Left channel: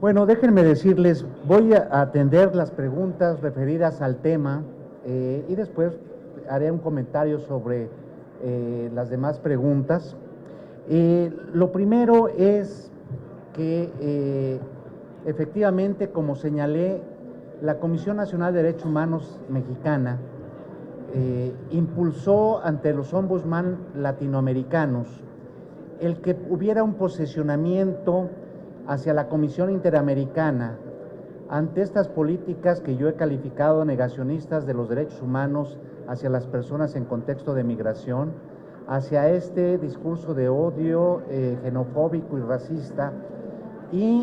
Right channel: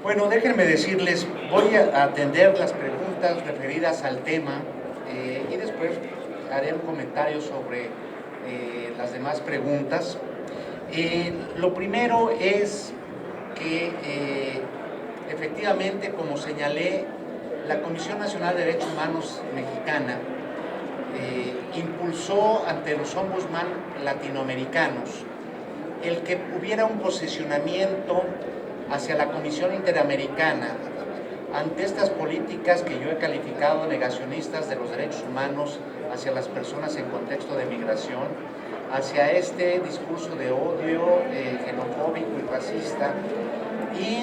Bueno, déjenme decirles, voy a atender las preguntas referidas al tema y después haré un comentario sobre las demás preguntas. Lo primero es que efectivamente, como señalé, la Comisión Nacional de Derechos Humanos mexicana impulsó ante los ombudsman latinoamericanos el que hubiera un posicionamiento hacia la Comisión Interamericana ante estas políticas que yo he calificado negacionistas de los derechos humanos hacia las personas en contexto de migración, hacia este discurso de odio xenofóbico y racista. Y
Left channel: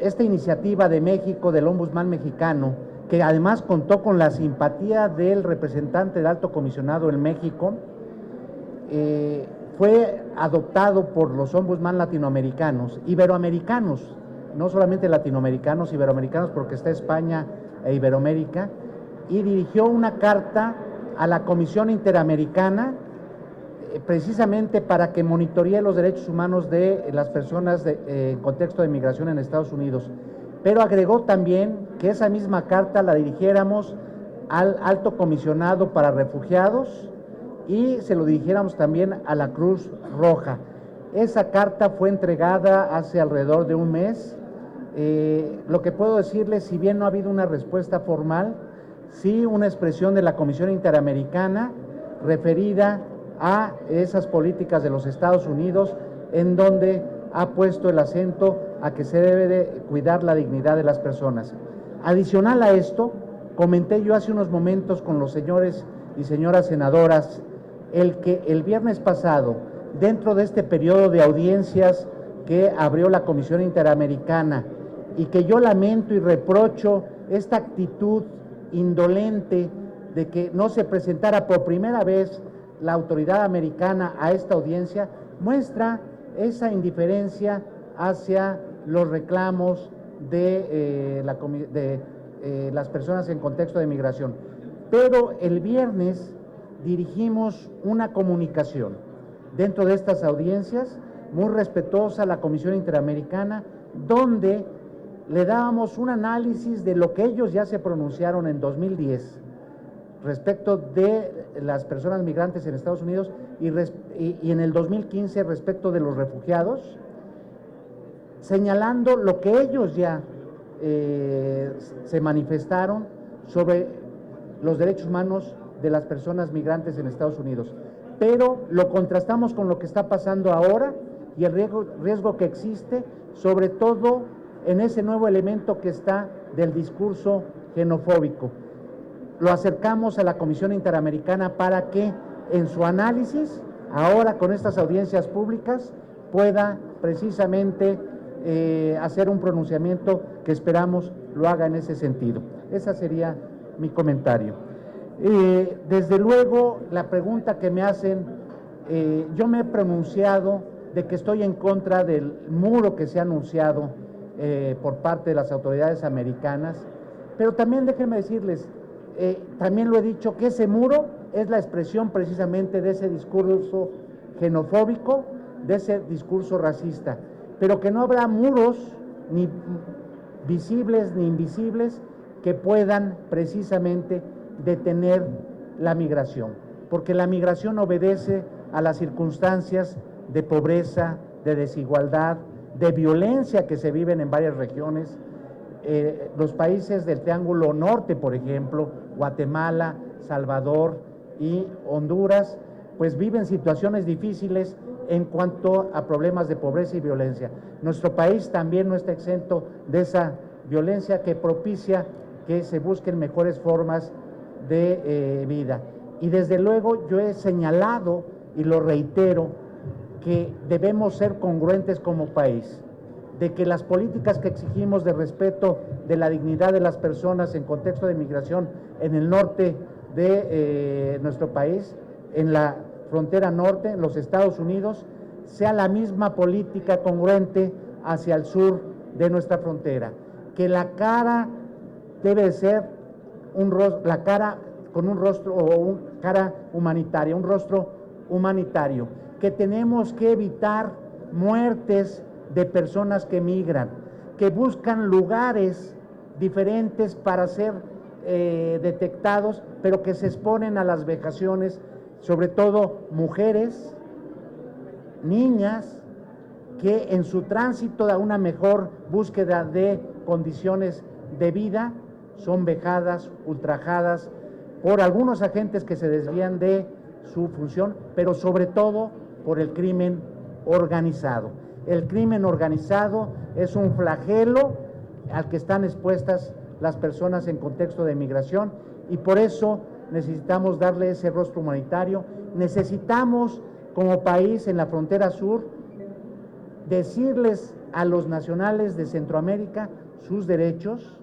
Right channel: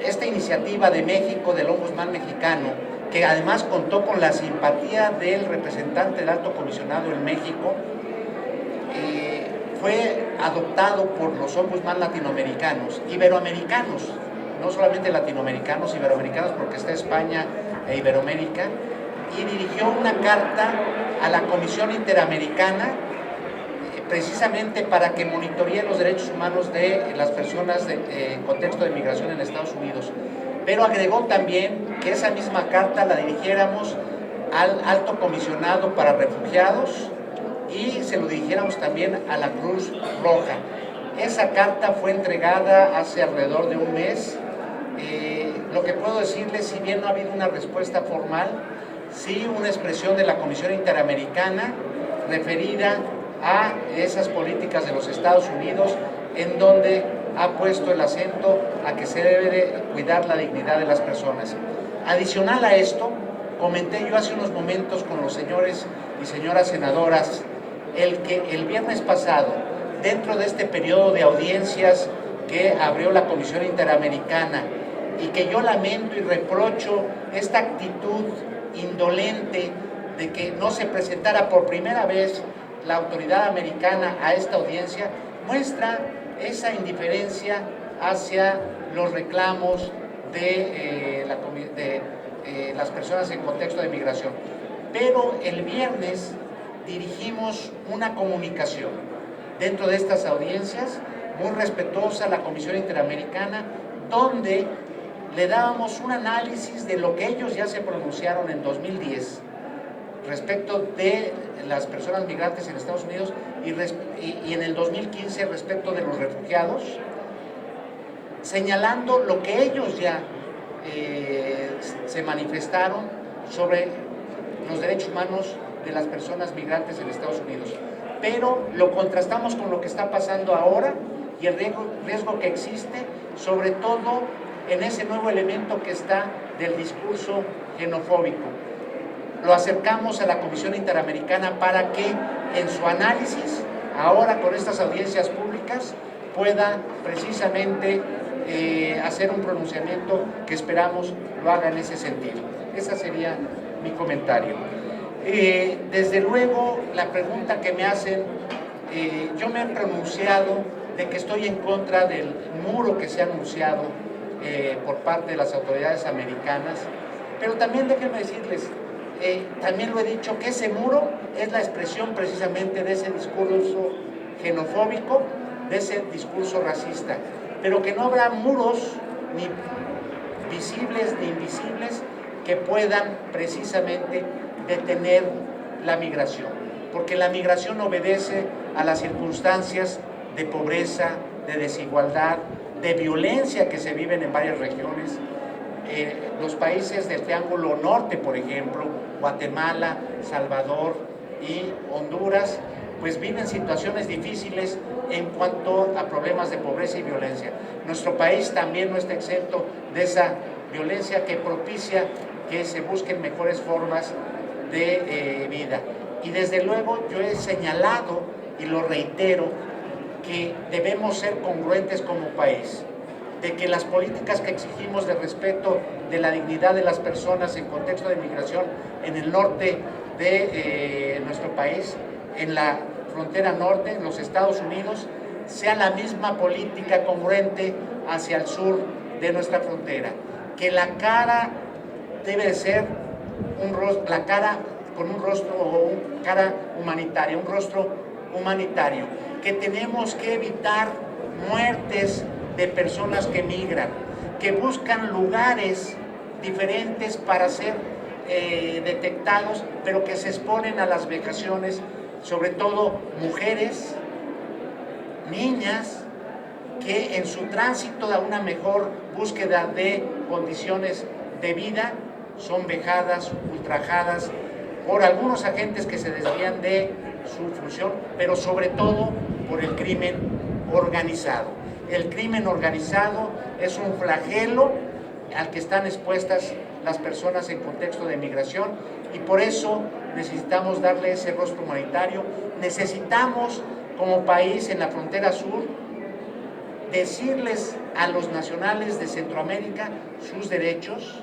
esta iniciativa de México, del ombudsman mexicano, que además contó con la simpatía del representante del alto comisionado en México, fue adoptado por los ombudsman latinoamericanos, iberoamericanos, no solamente latinoamericanos, iberoamericanos, porque está España e Iberoamérica, y dirigió una carta a la Comisión Interamericana precisamente para que monitoree los derechos humanos de las personas en contexto de migración en Estados Unidos. Pero agregó también que esa misma carta la dirigiéramos al alto comisionado para refugiados y se lo dirigiéramos también a la Cruz Roja. Esa carta fue entregada hace alrededor de un mes. Lo que puedo decirles, si bien no ha habido una respuesta formal, sí una expresión de la Comisión Interamericana referida a esas políticas de los Estados Unidos, en donde ha puesto el acento a que se debe de cuidar la dignidad de las personas. Adicional a esto, comenté yo hace unos momentos con los señores y señoras senadoras el que el viernes pasado, dentro de este periodo de audiencias que abrió la Comisión Interamericana, y que yo lamento y reprocho esta actitud indolente de que no se presentara por primera vez la autoridad americana a esta audiencia, muestra esa indiferencia hacia los reclamos de las personas en contexto de migración. Pero el viernes dirigimos una comunicación dentro de estas audiencias muy respetuosa a la Comisión Interamericana, donde le dábamos un análisis de lo que ellos ya se pronunciaron en 2010 respecto de las personas migrantes en Estados Unidos y en el 2015 respecto de los refugiados, señalando lo que ellos ya se manifestaron sobre los derechos humanos de las personas migrantes en Estados Unidos. Pero lo contrastamos con lo que está pasando ahora y el riesgo que existe, sobre todo en ese nuevo elemento que está del discurso xenofóbico. Lo acercamos a la Comisión Interamericana para que en su análisis, ahora con estas audiencias públicas, pueda precisamente hacer un pronunciamiento que esperamos lo haga en ese sentido. Ese sería mi comentario. Desde luego, la pregunta que me hacen, yo me he pronunciado de que estoy en contra del muro que se ha anunciado por parte de las autoridades americanas, pero también déjenme decirles, también lo he dicho, que ese muro es la expresión precisamente de ese discurso xenofóbico, de ese discurso racista, pero que no habrá muros ni visibles ni invisibles que puedan precisamente detener la migración, porque la migración obedece a las circunstancias de pobreza, de desigualdad, de violencia que se viven en varias regiones. Los países del Triángulo Norte, por ejemplo, Guatemala, Salvador y Honduras, pues viven situaciones difíciles en cuanto a problemas de pobreza y violencia. Nuestro país también no está exento de esa violencia que propicia que se busquen mejores formas de vida. Y desde luego yo he señalado, y lo reitero, que debemos ser congruentes como país, de que las políticas que exigimos de respeto de la dignidad de las personas en contexto de migración en el norte de nuestro país, en la frontera norte, en los Estados Unidos, sea la misma política congruente hacia el sur de nuestra frontera, que la cara debe ser la cara con un rostro o una cara humanitaria, un rostro humanitario, que tenemos que evitar muertes de personas que migran, que buscan lugares diferentes para ser detectados, pero que se exponen a las vejaciones, sobre todo mujeres, niñas, que en su tránsito a una mejor búsqueda de condiciones de vida son vejadas, ultrajadas por algunos agentes que se desvían de su función, pero sobre todo por el crimen organizado. El crimen organizado es un flagelo al que están expuestas las personas en contexto de migración, y por eso necesitamos darle ese rostro humanitario. Necesitamos, como país en la frontera sur, decirles a los nacionales de Centroamérica sus derechos,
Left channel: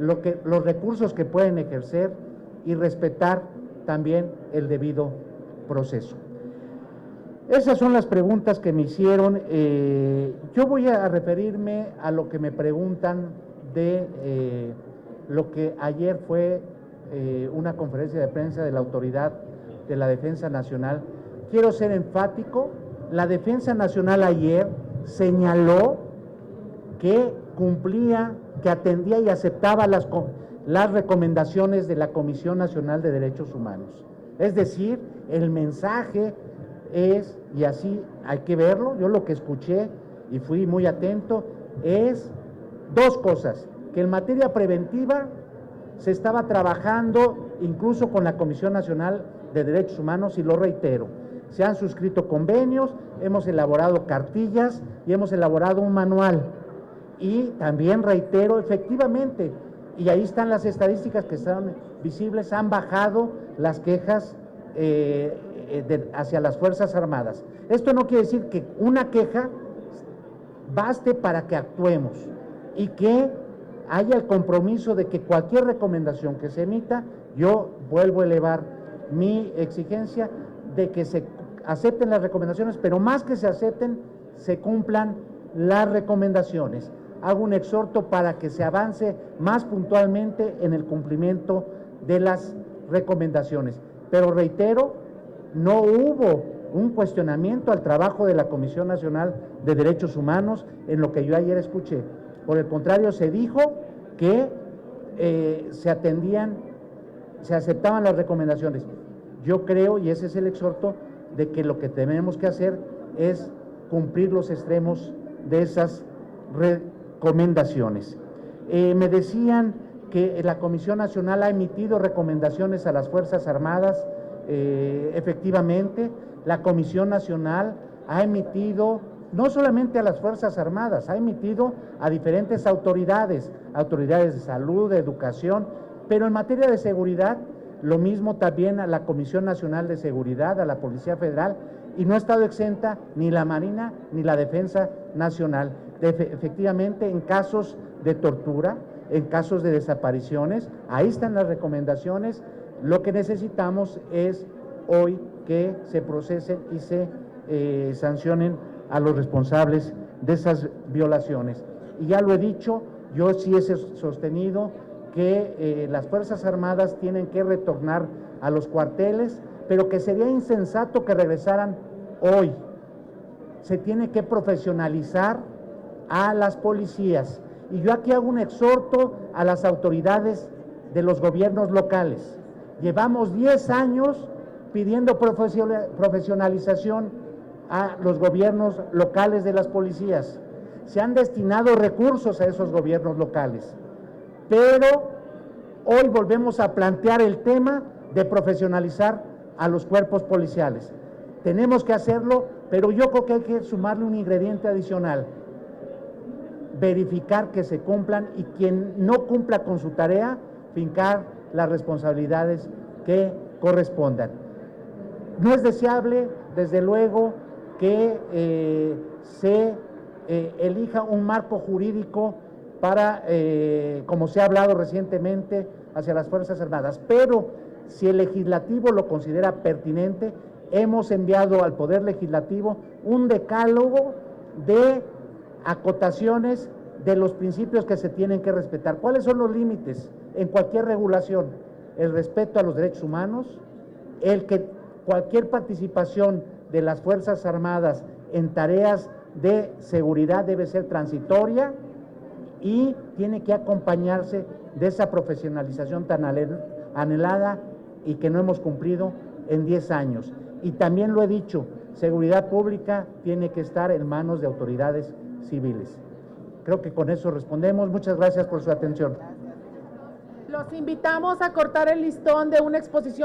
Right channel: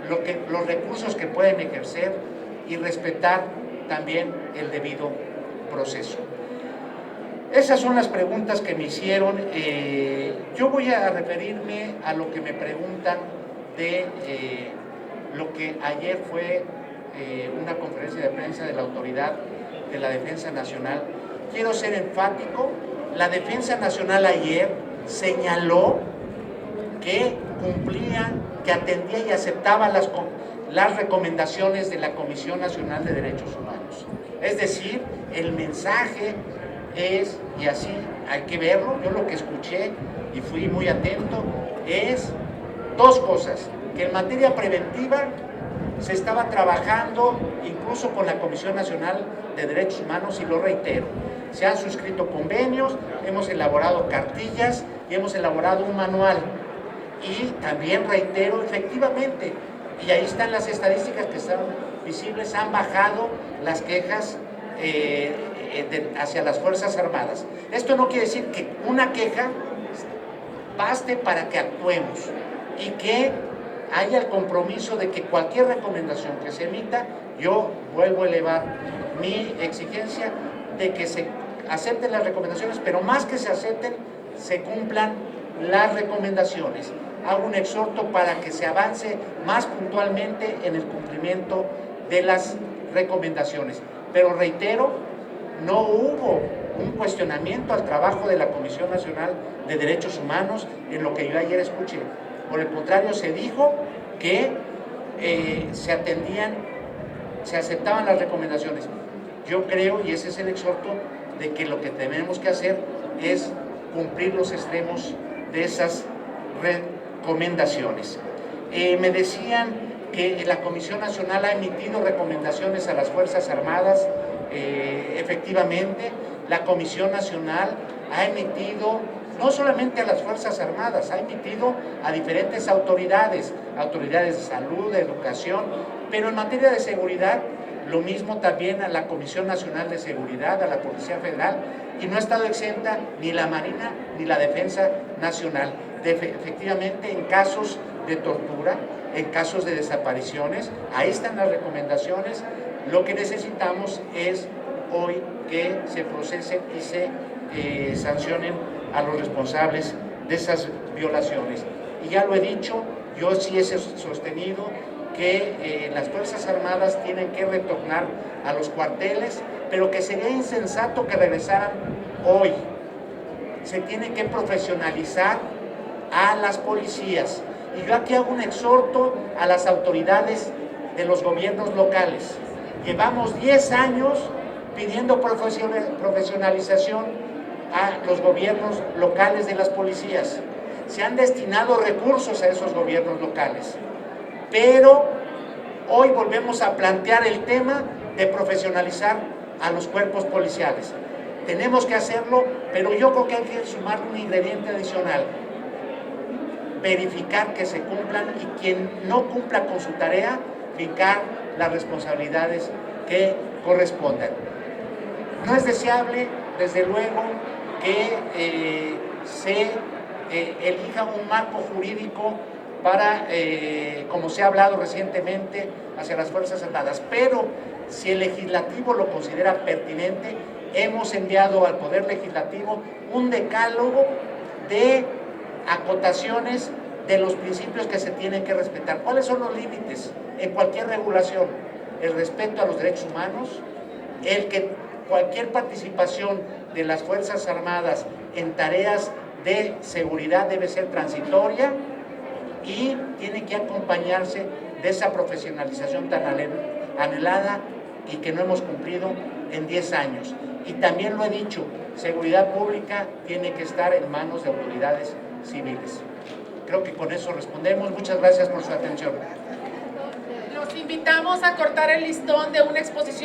los recursos que pueden ejercer, y respetar también el debido proceso. Esas son las preguntas que me hicieron. Yo voy a referirme a lo que me preguntan de lo que ayer fue una conferencia de prensa de la Autoridad de la Defensa Nacional. Quiero ser enfático: la Defensa Nacional ayer señaló que cumplía, que atendía y aceptaba las recomendaciones de la Comisión Nacional de Derechos Humanos. Es decir, el mensaje es, y así hay que verlo, yo lo que escuché y fui muy atento, es dos cosas: que en materia preventiva se estaba trabajando incluso con la Comisión Nacional de Derechos Humanos, y lo reitero, se han suscrito convenios, hemos elaborado cartillas y hemos elaborado un manual. Y también reitero, efectivamente, y ahí están las estadísticas que están visibles, han bajado las quejas hacia las Fuerzas Armadas. Esto no quiere decir que una queja baste para que actuemos, y que haya el compromiso de que cualquier recomendación que se emita, yo vuelvo a elevar mi exigencia de que se acepten las recomendaciones, pero más que se acepten, se cumplan las recomendaciones. Hago un exhorto para que se avance más puntualmente en el cumplimiento de las recomendaciones. Pero reitero, no hubo un cuestionamiento al trabajo de la Comisión Nacional de Derechos Humanos en lo que yo ayer escuché. Por el contrario, se dijo que se aceptaban las recomendaciones. Yo creo, y ese es el exhorto, de que lo que tenemos que hacer es cumplir los extremos de esas recomendaciones. Me decían que la Comisión Nacional ha emitido recomendaciones a las Fuerzas Armadas. Efectivamente, la Comisión Nacional ha emitido no solamente a las Fuerzas Armadas, ha emitido a diferentes autoridades de salud, de educación, pero en materia de seguridad, lo mismo también a la Comisión Nacional de Seguridad, a la Policía Federal, y no ha estado exenta ni la Marina ni la Defensa Nacional. Efectivamente, en casos de tortura, en casos de desapariciones, ahí están las recomendaciones. Lo que necesitamos es hoy que se procesen y se sancionen a los responsables de esas violaciones. Y ya lo he dicho, yo sí he sostenido que las Fuerzas Armadas tienen que retornar a los cuarteles, pero que sería insensato que regresaran hoy. Se tiene que profesionalizar a las policías. Y yo aquí hago un exhorto a las autoridades de los gobiernos locales. Llevamos 10 años pidiendo profesionalización a los gobiernos locales de las policías. Se han destinado recursos a esos gobiernos locales, pero hoy volvemos a plantear el tema de profesionalizar a los cuerpos policiales. Tenemos que hacerlo, pero yo creo que hay que sumarle un ingrediente adicional: verificar que se cumplan, y quien no cumpla con su tarea, fincar las responsabilidades que correspondan. No es deseable, desde luego, que se elija un marco jurídico para, como se ha hablado recientemente, hacia las Fuerzas Armadas, pero si el legislativo lo considera pertinente, hemos enviado al Poder Legislativo un decálogo de acotaciones de los principios que se tienen que respetar. ¿Cuáles son los límites en cualquier regulación? El respeto a los derechos humanos, el que cualquier participación de las Fuerzas Armadas en tareas de seguridad debe ser transitoria y tiene que acompañarse de esa profesionalización tan anhelada y que no hemos cumplido en 10 años. Y también lo he dicho, seguridad pública tiene que estar en manos de autoridades civiles. Creo que con eso respondemos. Muchas gracias por su atención. Los invitamos a cortar el listón de una exposición